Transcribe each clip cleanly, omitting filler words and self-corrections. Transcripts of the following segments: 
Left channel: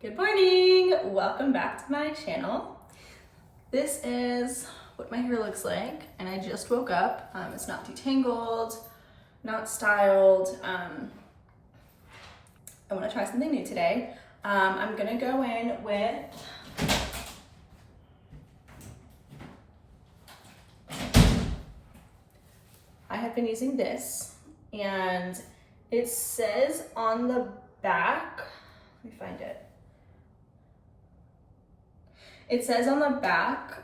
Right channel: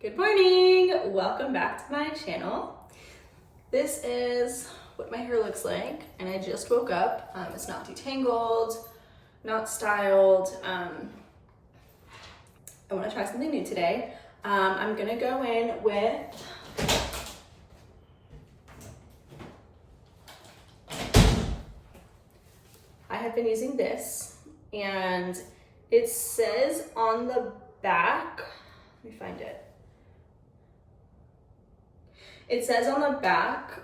Good morning, welcome back to my channel. This is what my hair looks like, and I just woke up. It's not detangled, not styled. I want to try something new today. I'm gonna go in with I have been using this, and it says on the back, let me find it. It says on the back,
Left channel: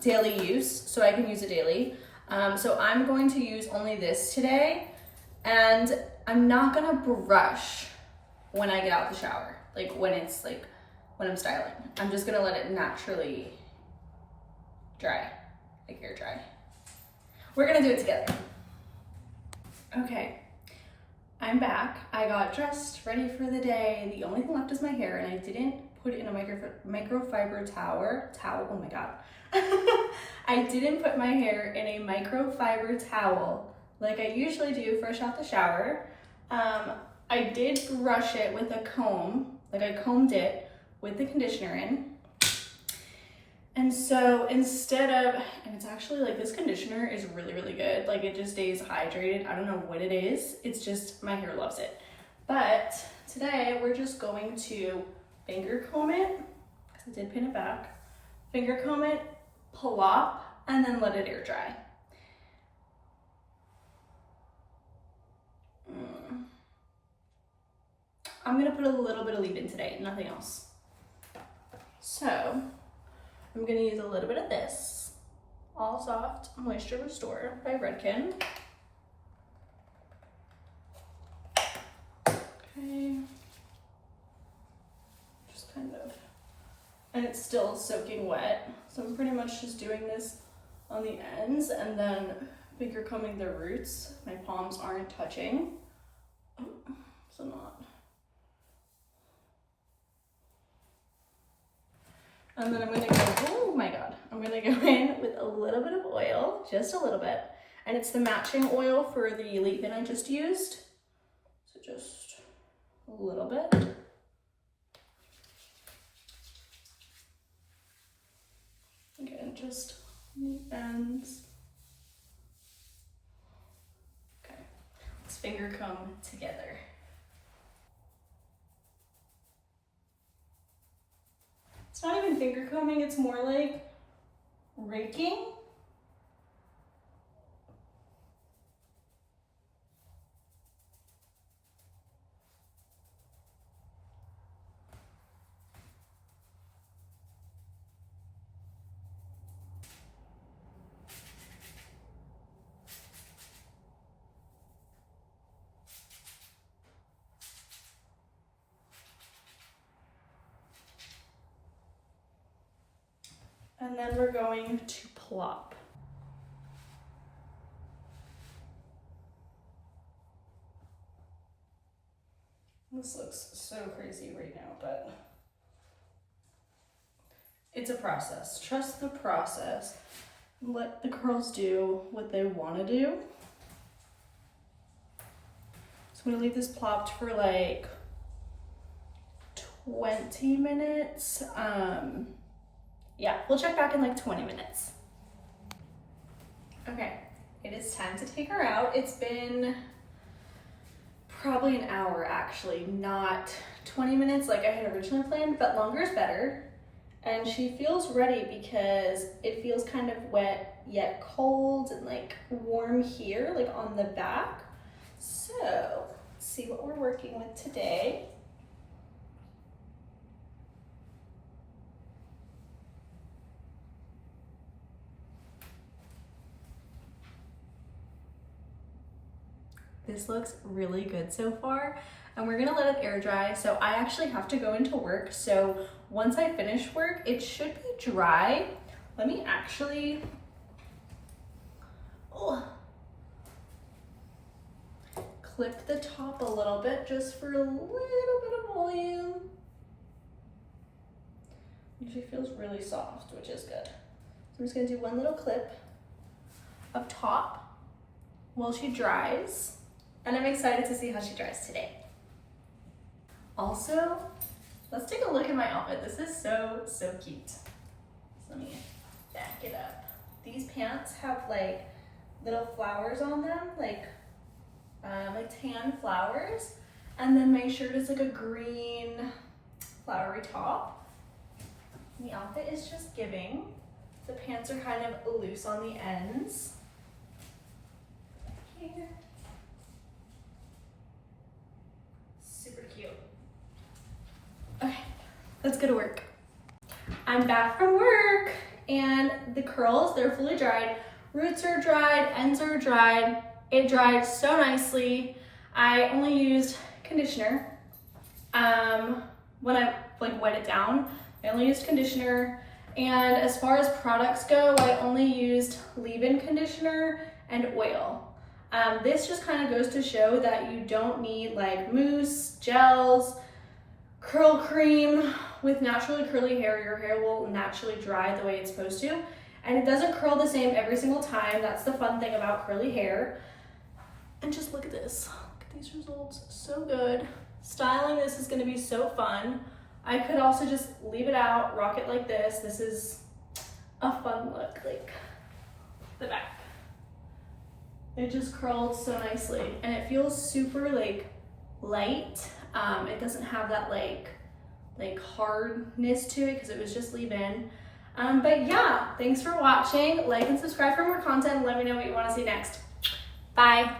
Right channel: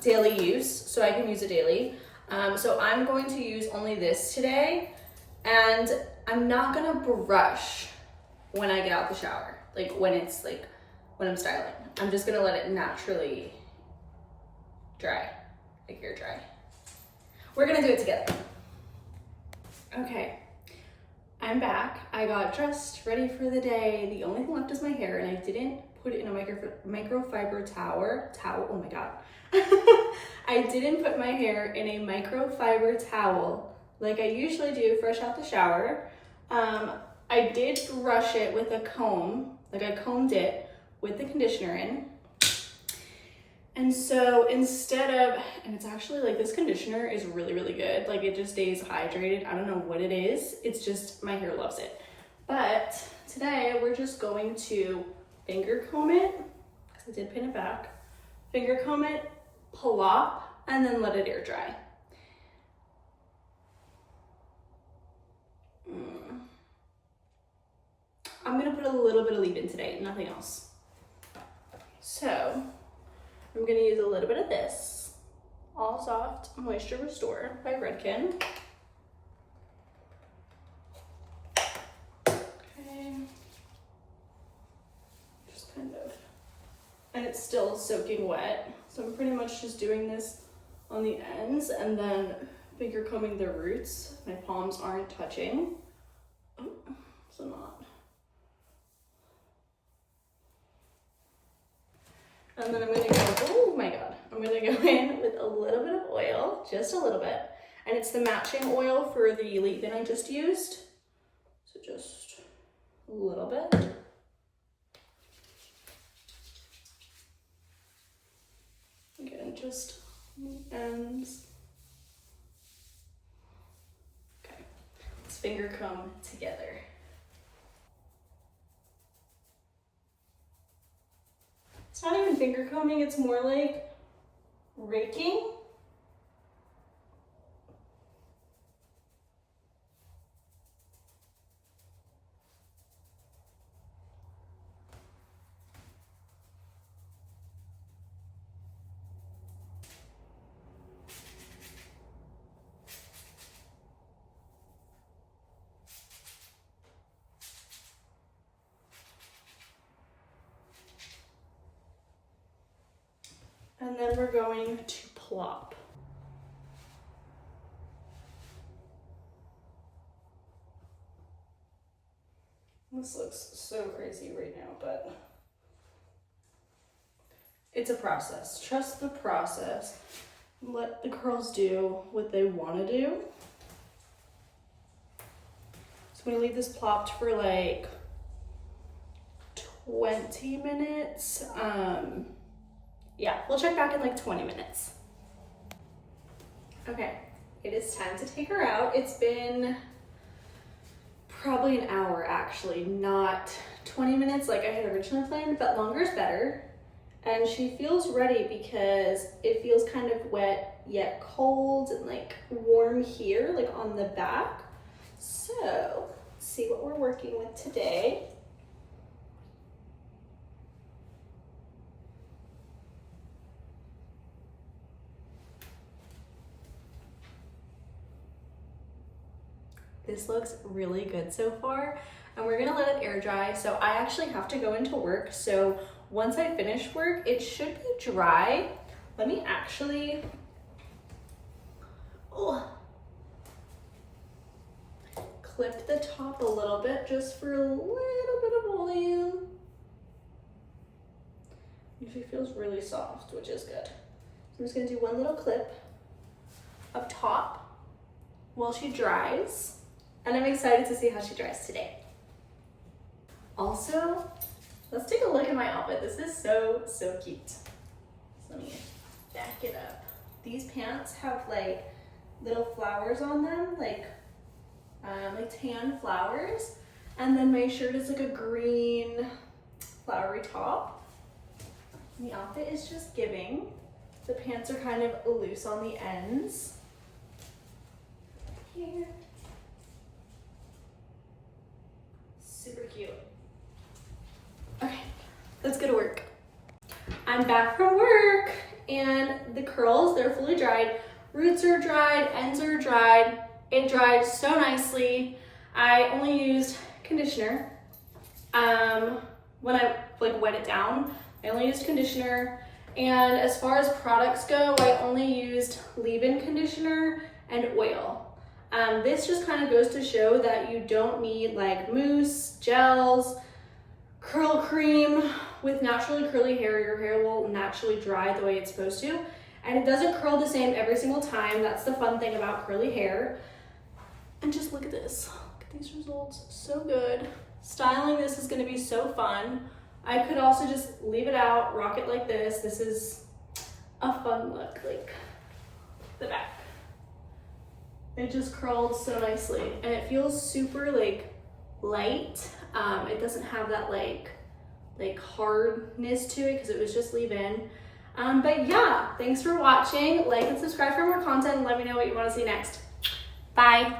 daily use, so I can use it daily. So I'm going to use only this today, and I'm not gonna brush when I get out the shower, when I'm styling. I'm just gonna let it naturally dry, air dry. We're gonna do it together. Okay, I'm back. I got dressed, ready for the day. The only thing left is my hair, and I didn't put it in a microfiber towel. Oh my God. I didn't put my hair in a microfiber towel like I usually do fresh out the shower. I did brush it with a comb, I combed it with the conditioner in. And so instead of, and it's actually this conditioner is really, really good. It just stays hydrated. I don't know what it is. It's just, my hair loves it. But today we're just going to finger comb it, because I did pin it back. Finger comb it, plop, and then let it air dry. I'm gonna put a little bit of leave-in today, nothing else. So I'm gonna use a little bit of this All Soft Moisture Restore by Redken. Okay. Just kind of, and it's still soaking wet, so I'm pretty much just doing this on the ends and then finger combing the roots. My palms aren't touching. Oh, so not. And then I'm gonna go, oh my God, I'm gonna go in with a little bit of oil, just a little bit. And it's the matching oil for the leave-in I just used. So just a little bit. Again, just on the ends. Okay, let's finger comb together. It's not even finger combing, it's more like raking. And then we're going to plop. This looks so crazy right now, but it's a process. Trust the process. Let the curls do what they want to do. So I'm gonna leave this plopped for 20 minutes. Yeah, we'll check back in 20 minutes. Okay, it is time to take her out. It's been probably an hour actually, not 20 minutes like I had originally planned, but longer is better. And she feels ready because it feels kind of wet yet cold and warm here, on the back. So let's see what we're working with today. This looks really good so far, and we're gonna let it air dry. So I actually have to go into work. So once I finish work, it should be dry. Let me actually, clip the top a little bit just for a little bit of volume. And she feels really soft, which is good. So I'm just gonna do one little clip up top while she dries. And I'm excited to see how she dries today. Also, let's take a look at my outfit. This is so cute. So let me back it up. These pants have like little flowers on them, like tan flowers. And then my shirt is like a green flowery top. And the outfit is just giving. The pants are kind of loose on the ends. Here. Super cute. Okay, let's go to work. I'm back from work and the curls, they're fully dried. Roots are dried, ends are dried. It dried so nicely. I only used conditioner. When I like wet it down, I only used conditioner. And as far as products go, I only used leave-in conditioner and oil. This just kind of goes to show that you don't need like mousse, gels, curl cream. With naturally curly hair, your hair will naturally dry the way it's supposed to. And it doesn't curl the same every single time. That's the fun thing about curly hair. And just look at this. Look at these results, so good. Styling this is gonna be so fun. I could also just leave it out, rock it like this. This is a fun look, like the back. It just curled so nicely and it feels super like light. It doesn't have that like hardness to it because it was just leave-in. But yeah, thanks for watching. Like and subscribe for more content and let me know what you want to see next. Bye.